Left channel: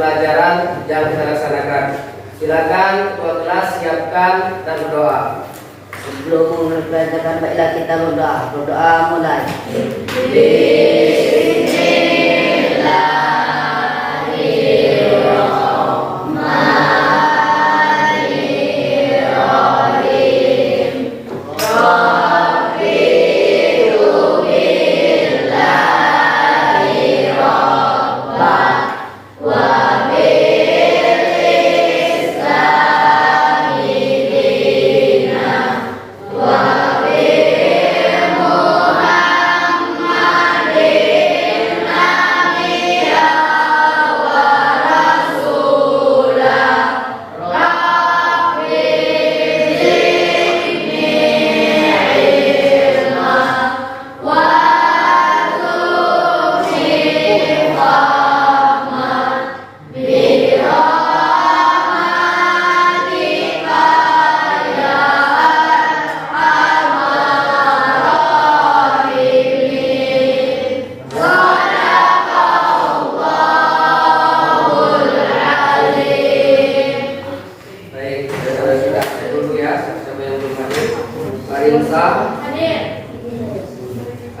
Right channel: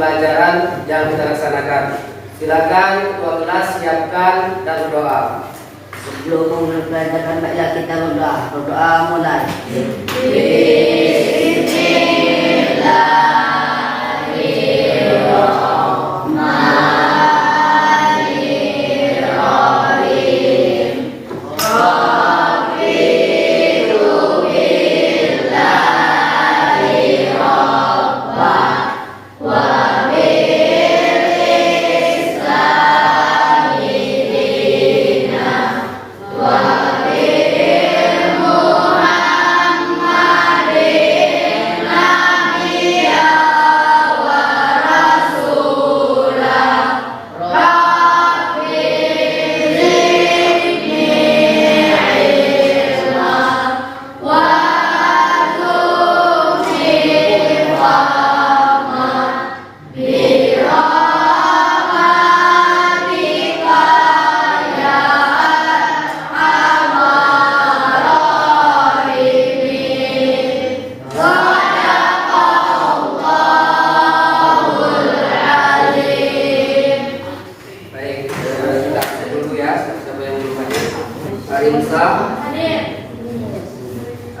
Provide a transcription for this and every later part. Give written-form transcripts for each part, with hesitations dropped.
pembelajaran yang kita laksanakan. Silakan ketua kelas siapkan dan berdoa. Sebelum memulai pelajaran, baiklah kita berdoa. Berdoa mulai.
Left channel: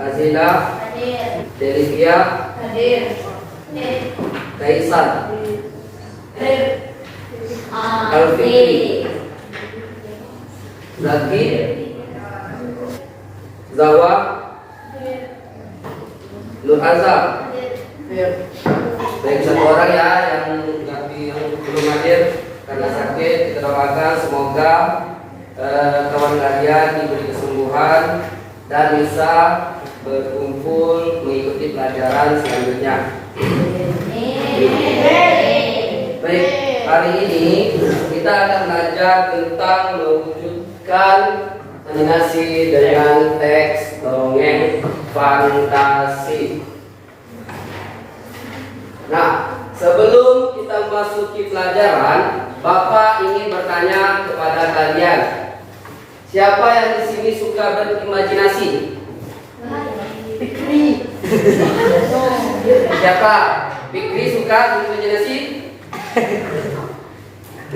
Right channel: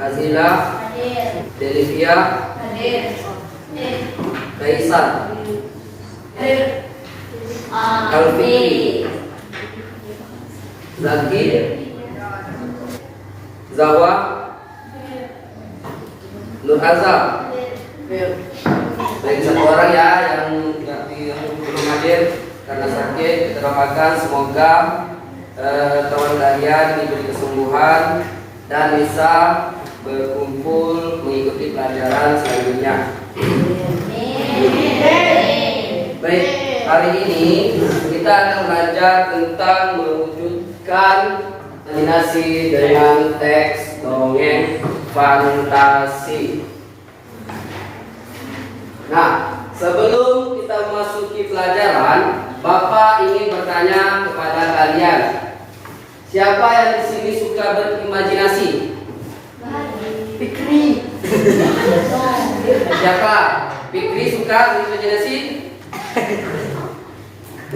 Azila, Delivia, Kaisan, Alfitri, Zaki, Zawa, Nur Azhar. Baik, satu orang ya yang belum hadir karena sakit, kita doakan semoga kawan kalian diberi kesembuhan dan bisa berkumpul mengikuti pelajaran selanjutnya. Baik, hari ini kita akan belajar tentang mewujudkan animasi dengan teks dongeng fantasi. Nah, sebelum kita memasuki pelajaran, Bapak ingin bertanya kepada kalian, siapa yang di sini suka berimajinasi? Fikri. Siapa? Fikri suka berimajinasi?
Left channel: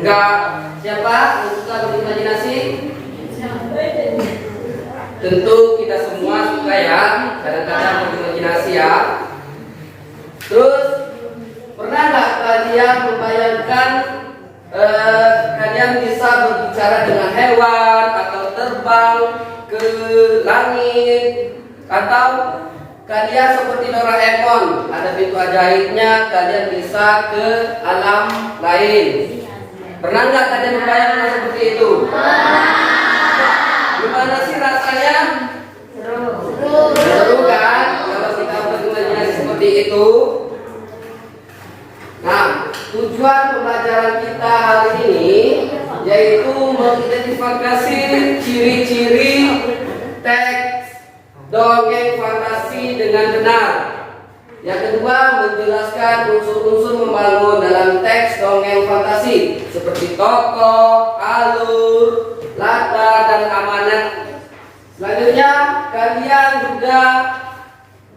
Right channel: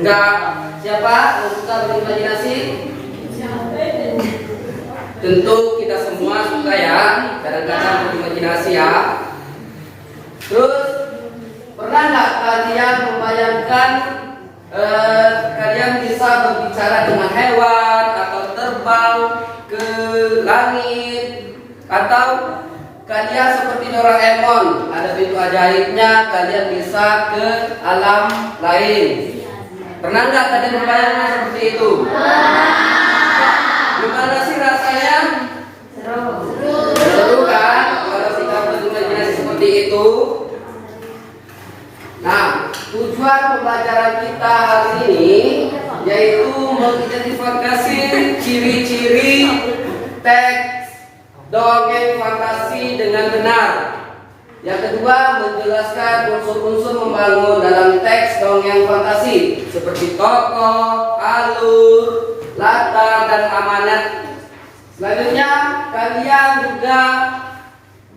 Enggak. Siapa yang suka berimajinasi? Tentu kita semua suka ya, kadang-kadang berimajinasi ya. Terus pernah nggak kalian membayangkan kalian bisa berbicara dengan hewan atau terbang ke langit, atau kalian seperti Doraemon, ada pintu ajaibnya, kalian bisa ke alam lain. Pernah nggak kalian membayangkan seperti itu? Gimana sih rasanya? Seru kan? Kalau kita berimajinasi seperti itu. Nah, tujuan pembelajaran kita hari ini yaitu mengidentifikasi ciri-ciri teks dongeng fantasi dengan benar. Yang kedua, menjelaskan unsur-unsur membangun dalam teks dongeng fantasi seperti tokoh, alur, latar, dan amanat. Selanjutnya, kalian juga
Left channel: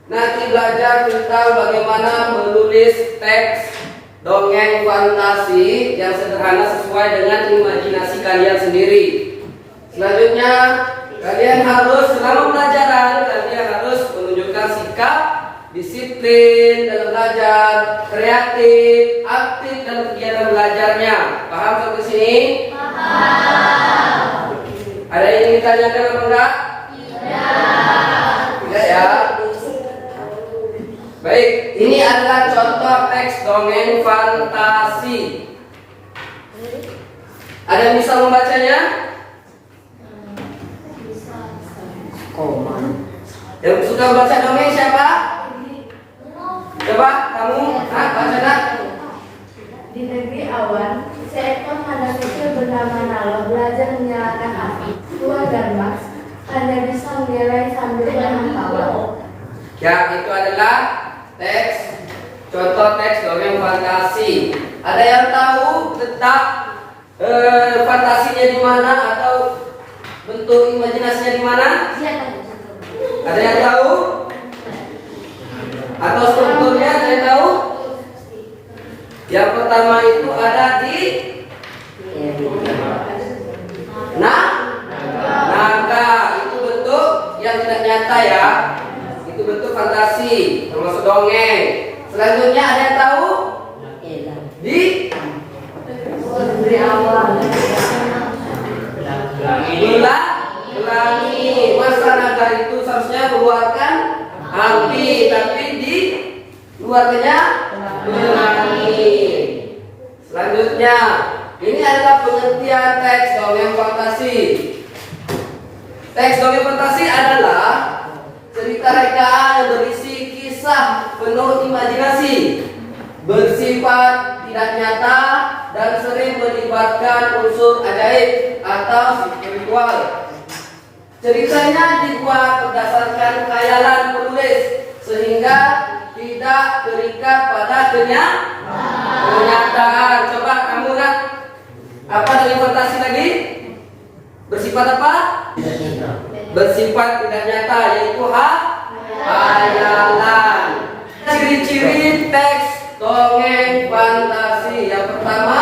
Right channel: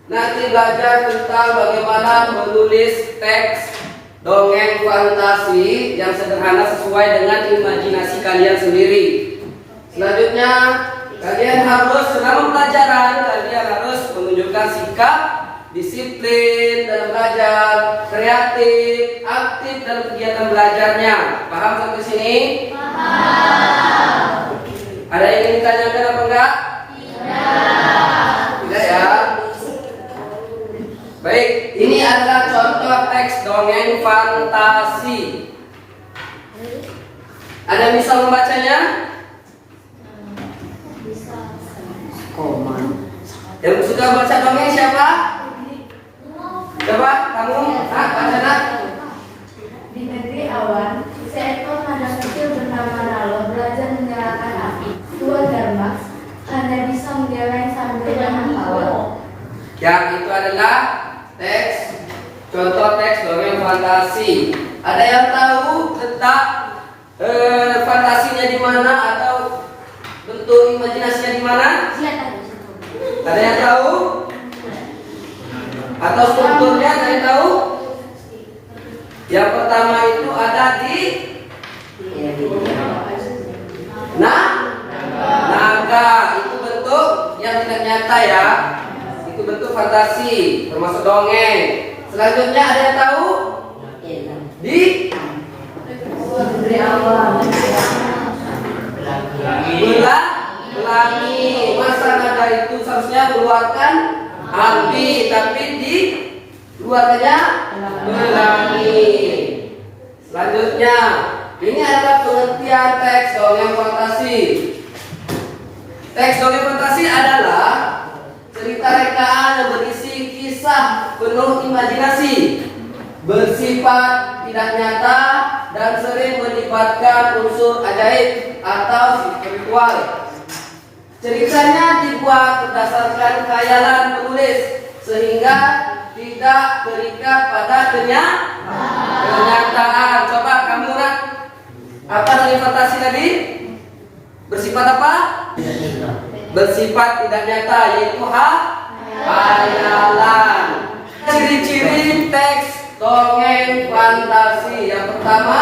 nanti belajar tentang bagaimana menulis teks dongeng fantasi yang sederhana sesuai dengan imajinasi kalian sendiri. Selanjutnya, kalian harus selama pelajaran kalian harus menunjukkan sikap disiplin dalam belajar, kreatif, aktif dalam kegiatan belajarnya. Paham sampai sini? Paham. Ada yang ingin ditanyakan apa enggak? Tidak ya. Baik, ini adalah contoh teks dongeng fantasi. Ada yang bisa membacanya? Koman. Yang suka baca dongeng siapa? Coba kamu, baca nak. Di negeri awan, seekor anak kecil bernama Nalo belajar menyalakan api. Tua Dharma hanya bisa menyalakan sambil dengan tawa. Ya, itu adalah teks, contoh teks dongeng fantasi. Ada yang tahu letak fantasinya di mana atau bentuk imajinasinya di mana? Ada yang tahu? Atau strukturnya ada yang tahu? Yang pertama itu ada di naga. Itu bentuk yang tidak nyata ya. Itu bentuk fantasi, termasuk dongeng. Selanjutnya ada yang tahu? Di pelangi. Masa naga itu seharusnya mengeluarkan api, tapi di keluarganya pelangi. Selanjutnya, ini adalah pengertian teks dongeng fantasi. Teks dongeng fantasi adalah cerita rekaan yang berisi kisah penuh imajinasi, bersifat tidak nyata, dan sering melibatkan unsur ajaib atau spiritual. Ceritanya dibuat berdasarkan khayalan penulis sehingga tidak terikat pada kenyataan. Coba kamu nak, apa dari fantasi tadi? Bersifat apa? Bersifat tidak nyata, yaitu khayalan. Ciri-ciri teks dongeng fantasi. Yang pertama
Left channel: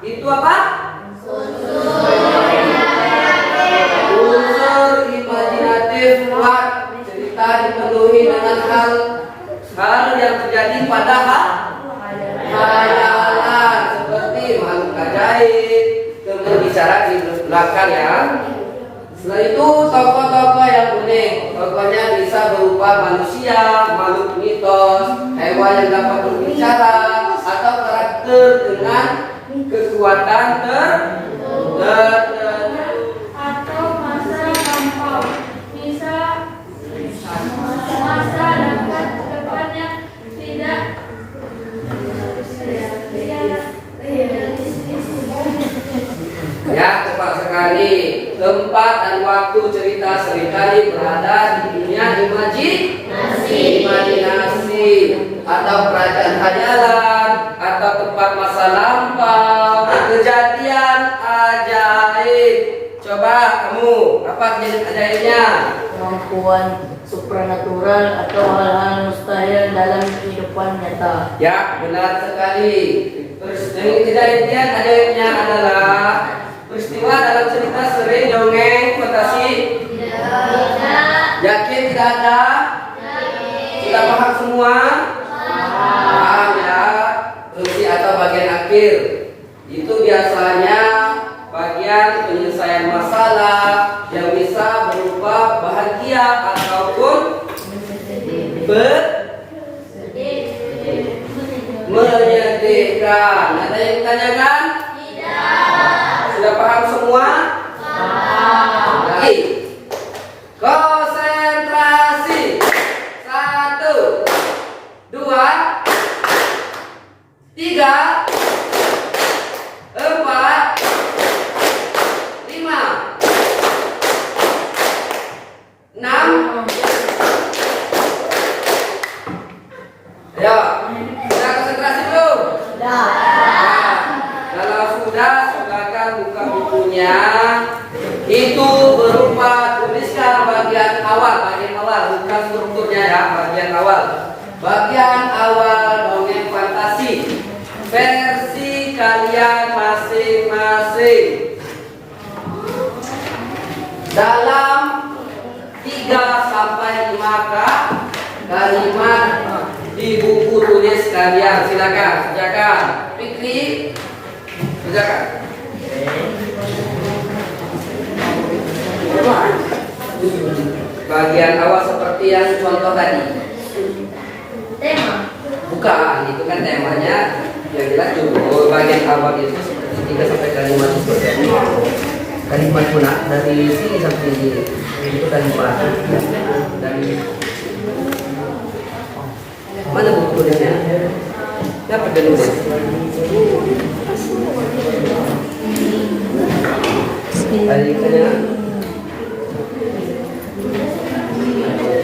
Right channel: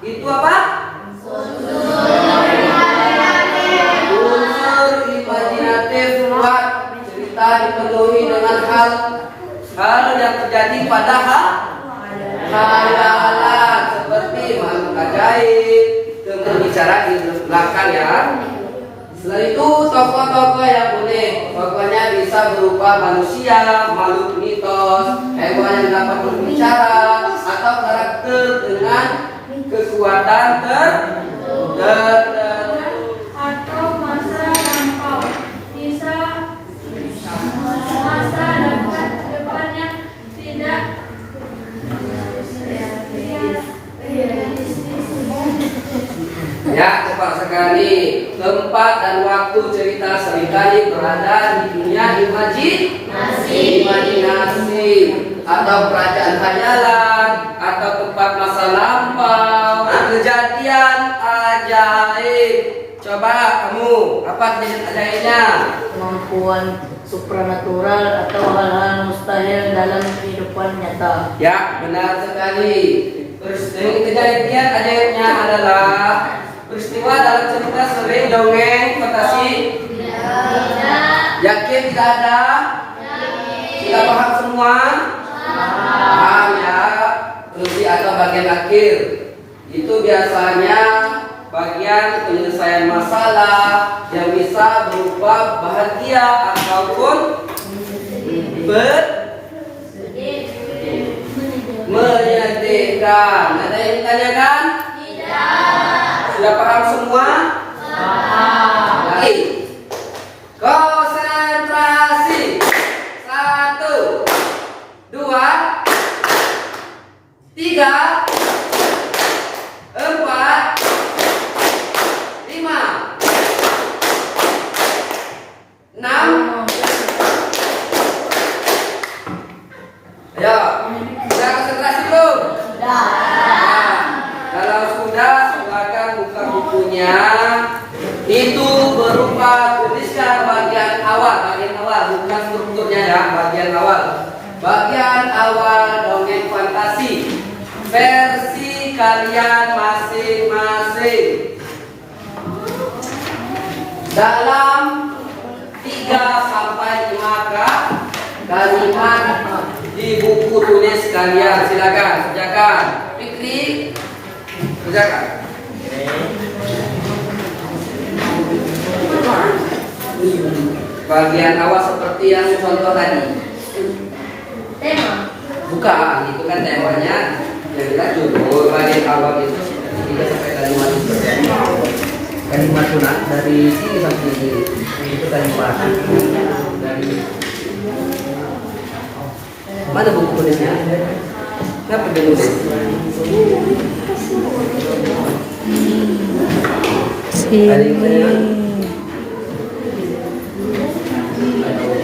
itu apa? Unsur imajinatif kuat. Cerita dipenuhi dengan hal yang terjadi pada khayalan, seperti makhluk ajaib, berbicara di belakang ya. Setelah itu tokoh-tokoh yang unik. Tokohnya bisa berupa manusia, makhluk mitos, hewan yang dapat berbicara, atau karakter dengan kekuatan tertentu. Atau masa lampau, bisa masa depan yang tidak Ya, tepat sekali. Tempat dan waktu cerita seringkali berada di dunia imajinasi atau kerajaan khayalan atau tempat masa lampau, kejadian ajaib. Coba kamu, apa kejadian ajaibnya? Kemampuan supranatural atau hal-hal mustahil dalam kehidupan nyata. Ya, benar sekali. Kejadian ajaibnya adalah peristiwa dalam cerita sering dongeng fantasi. Yakin tidak ada? Sudah paham semua? Paham ya. Fungsi atau bagian akhir itu biasanya bagian penyelesaian masalah yang bisa berupa bahagia ataupun menyedihkan. Ada yang ditanyakan? Sudah paham semua? Baik. Konsentrasi. 1, 2, 3, 4, 5, 6. Ayo, sudah konsentrasi belum? Sudah. Kalau sudah, silakan buka bukunya. Itu berupa tuliskan bagian awal, bukan strukturnya ya, bagian awal. Bagian awal dongeng fantasi versi kalian masing-masing. Dalam 3-5 kalimat di buku tulis kalian, silakan kerjakan. Fikri, kerjakan. Bagian awal seperti yang contoh tadi. tema. Bukan, itu kan temanya. Yang jelas judul bagian awal itu 3 kalimat seperti ini. Kalimat sunat dari sini sampai sini. Itu kalimat dari mana buku tulisnya? Dapat dulu deh. Tadi katanya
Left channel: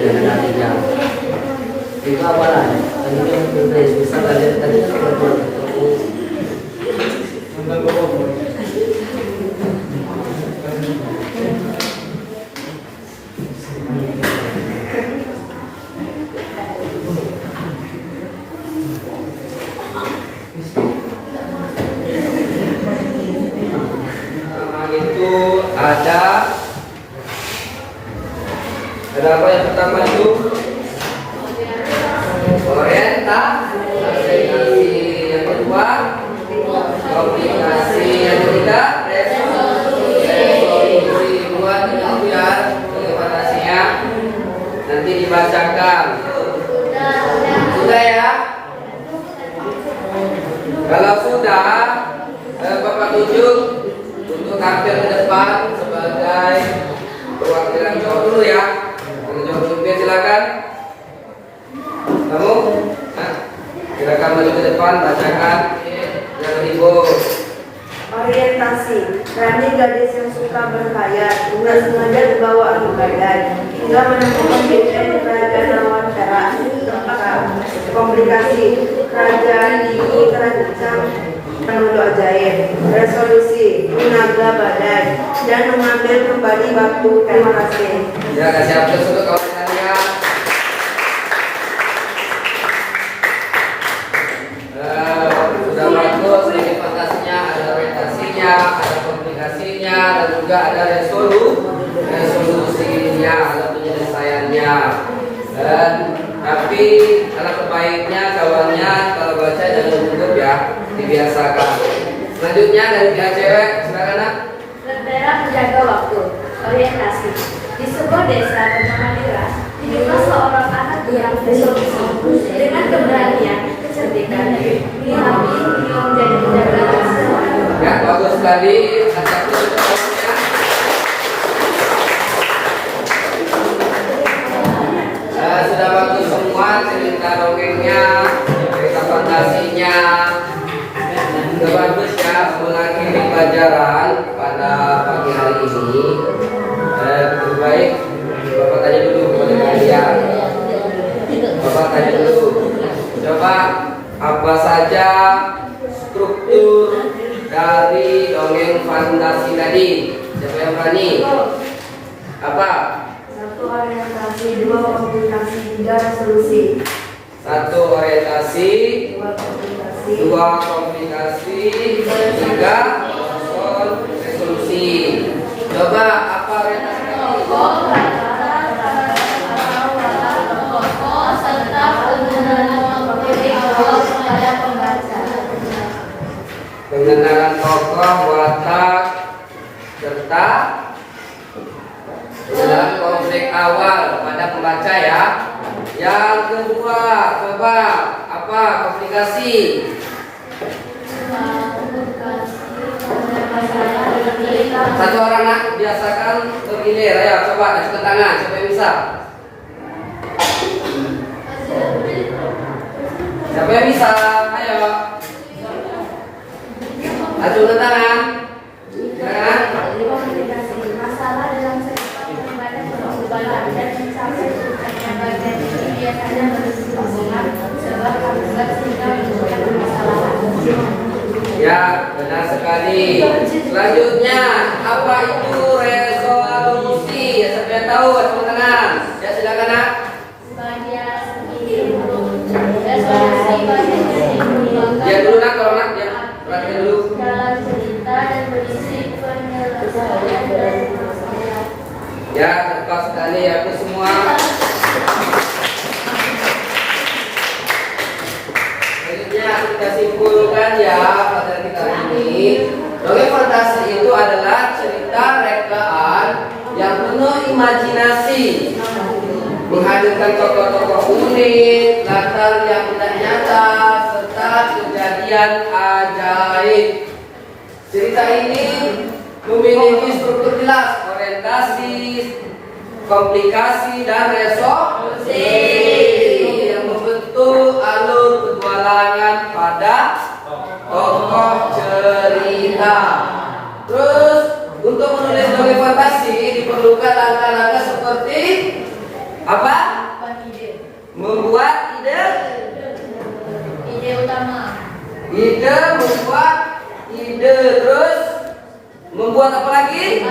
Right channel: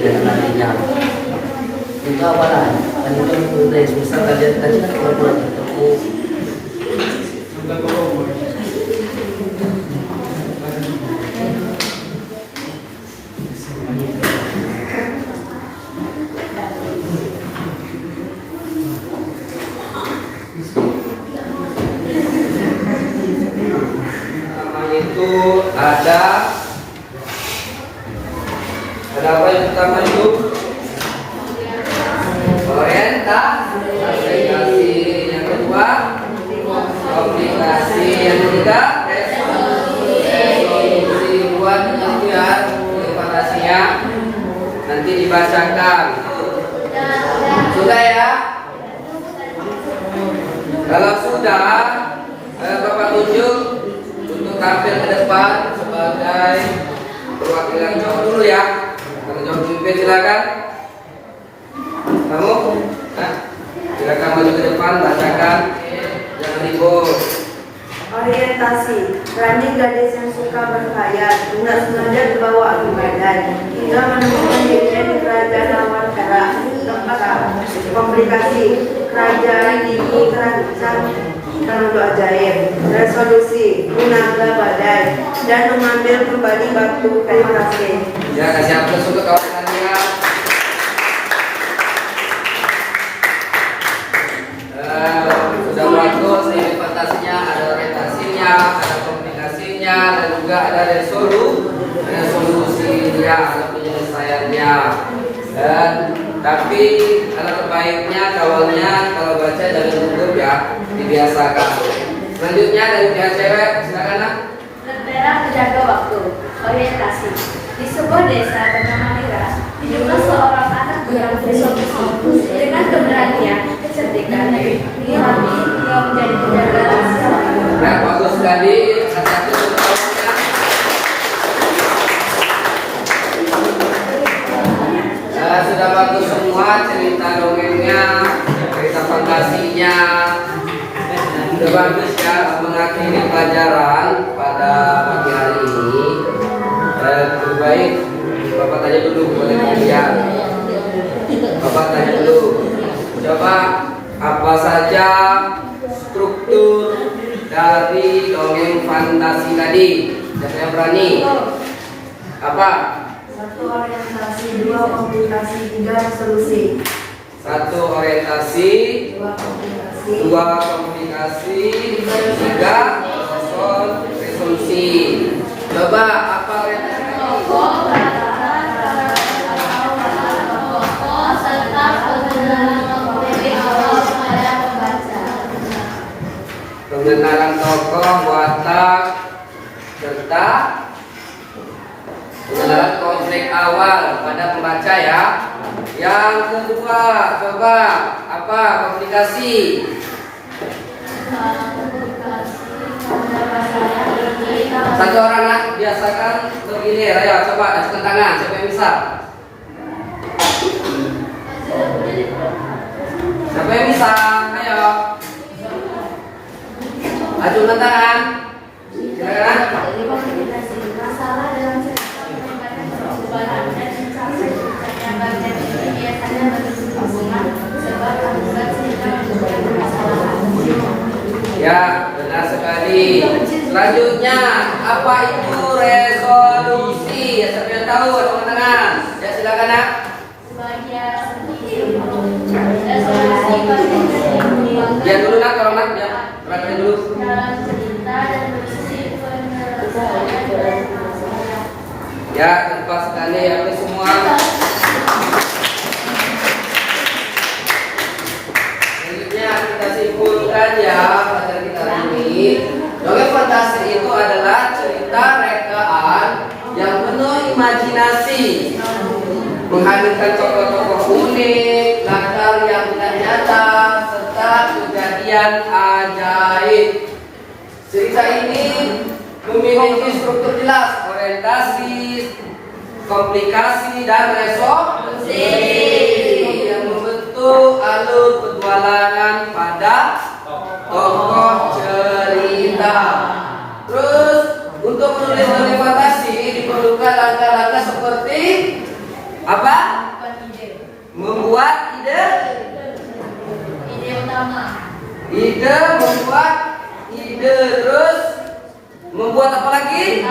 nantinya itu apalah tadi kan tulis misal tadi kan pura-pura ketemu. Ada apa yang pertama itu? Orientasi. Yang kedua, komplikasi. Yang ketiga, resolusi. Buat itu ya, fantasinya nanti dibacakan. Sudah ya? Kalau sudah, Bapak tunjuk untuk tampil ke depan sebagai perwakilan cowok dulu ya. Kalau cowok pimpin silakan. Kamu, silakan maju ke depan, bacakan. Jangan ribut. Orientasi. Rani gadis yang suka berkhayal, tidak sengaja dibawa adu badan hingga menemukan dirinya di kerajaan lawan perak. Komplikasi. Kerajaan ini terancam penduduk ajaib. Resolusi. Menaga badan dan mengambil kembali batu. Terima kasih. Ya, kasih aplaus untuk kawan kalian. Sudah bagus, ini fantasinya, ada orientasinya, ada komplikasinya, dan juga ada resolusinya atau penyelesaiannya. Dan tapi alangkah baiknya kawannya kalau baca jangan gugup ya, dibiasakan. Selanjutnya dari pihak cewek, silakan nak. Lentera menjaga waktu. Orientasi. Di sebuah desa bernama Nira, hiduplah seorang anak yang bersolusi. Dengan keberanian, kecerdikan, ini hati yang menjadi penjaga rahasia. Ya, bagus sekali. Satu tahunnya. Sudah bagus semua cerita dongengnya, cerita fantasinya. Sudah bagus ya, mengakhiri pelajaran pada pagi hari ini. Lebih baik Bapak tanya dulu kepada kalian. Bapak tanya dulu. Coba apa saja struktur dari dongeng fantasi tadi? Siapa yang berani? Apa? 1. Orientasi. 2. Komplikasi. 3. Resolusi. 1. Orientasi. 2. Komplikasi. 2. Komplikasi. 3. Resolusi. Coba apa orientasi tadi? Pengenalan tokoh, watak, serta pengenalan konflik awal pada pembaca ya. Yang kedua, coba apa komplikasi? Satu orang nak biasakan bergilir, ayo coba ada tangan, siapa yang bisa? Siapa yang bisa? Ayo. Acungkan tangan. Silakan. Masalah dalam perubahan dan mencapai bagian ini biasanya berhubungan sebab akibat sehingga menimbulkan masalah. Ya, benar sekali. Selanjutnya, apa itu resolusi? Ya, siapa yang tahu? Acungkan tangan. Ya, silakan nak. Resolusi bagian Diam dulu nak, kalau nak diam. Perhatikan dulu. dalam cerita dan berisi penyelesaian. Ya, tepat sekali ya semua. Selanjutnya kita simpulkan ya pada kita ini. Dongeng fantasi itu adalah cerita rekaan yang penuh imajinasi, menghadirkan tokoh-tokoh unik, latar yang tidak nyata, serta kejadian ajaib. Cerita ini memiliki struktur jelas, orientasi, komplikasi, dan resolusi yang membentuk alur petualangan pada tokoh cerita. Terus untuk menulis dongeng fantasi diperlukan langkah-langkah seperti apa? Membuat ide utama. Ide, membuat ide, terus membuat apa lagi?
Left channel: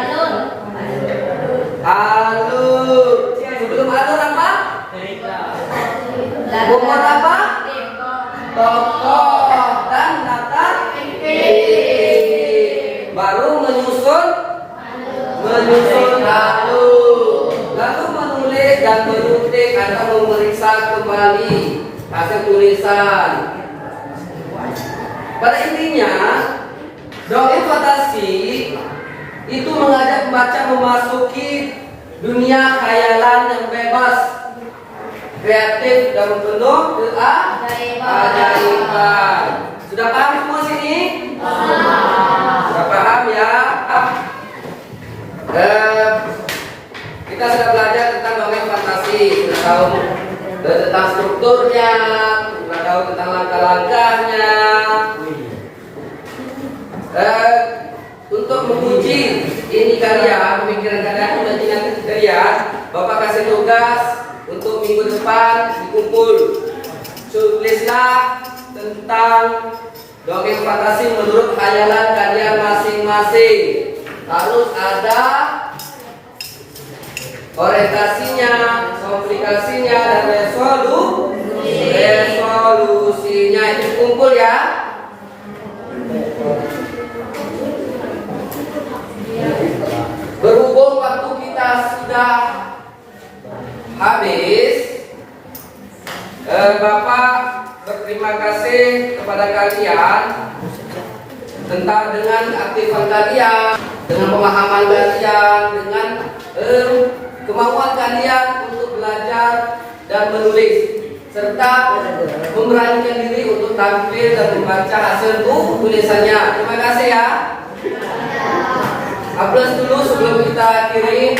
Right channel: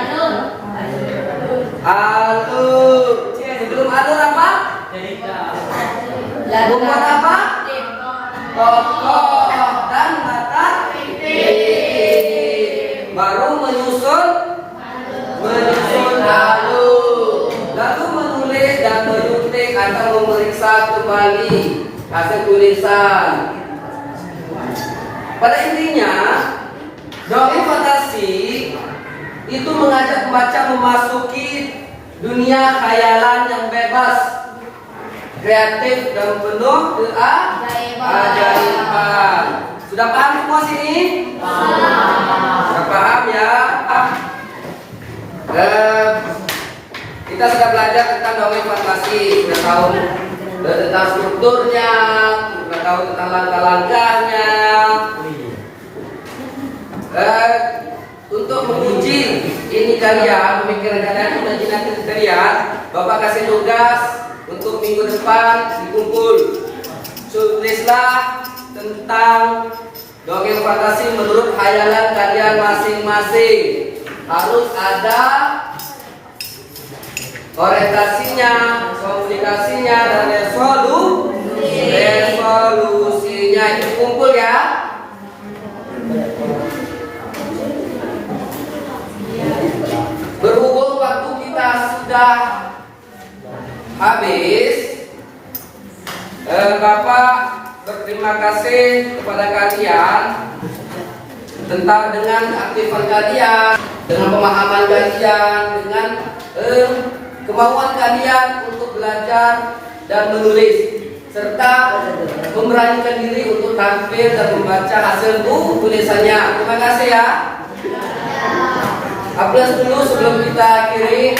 Alur. Sebelum alur apa? Membuat apa? Tokoh dan latar. Baru menyusun alur. Lalu menulis menulis dan menuntik atau memeriksa kembali hasil tulisan. Pada intinya, dongeng fantasi itu mengajak pembaca memasuki dunia khayalan yang bebas, kreatif dan penuh keajaiban. Sudah paham semua sini? Sudah paham ya? Kita sudah belajar tentang dongeng fantasi, sudah tahu tentang strukturnya, sudah tahu tentang langkah-langkahnya. Untuk menguji ini kalian, pemikiran kalian, imajinasi kalian, Bapak kasih tugas untuk minggu depan dikumpul. Tulislah tentang dongeng fantasi menurut khayalan kalian masing-masing. Harus ada orientasinya, komunikasinya, dan resolusinya. Itu kumpul ya. Berhubung waktu kita sudah habis, Bapak berterima kasih kepada kalian dengan aktifan kalian, dengan pemahaman kalian, dengan kemauan kalian untuk belajar dan menulis, serta memberanikan diri untuk tampil dan membaca hasil tulisannya. Terima kasih ya. Aplaus dulu sebelum kita akhiri.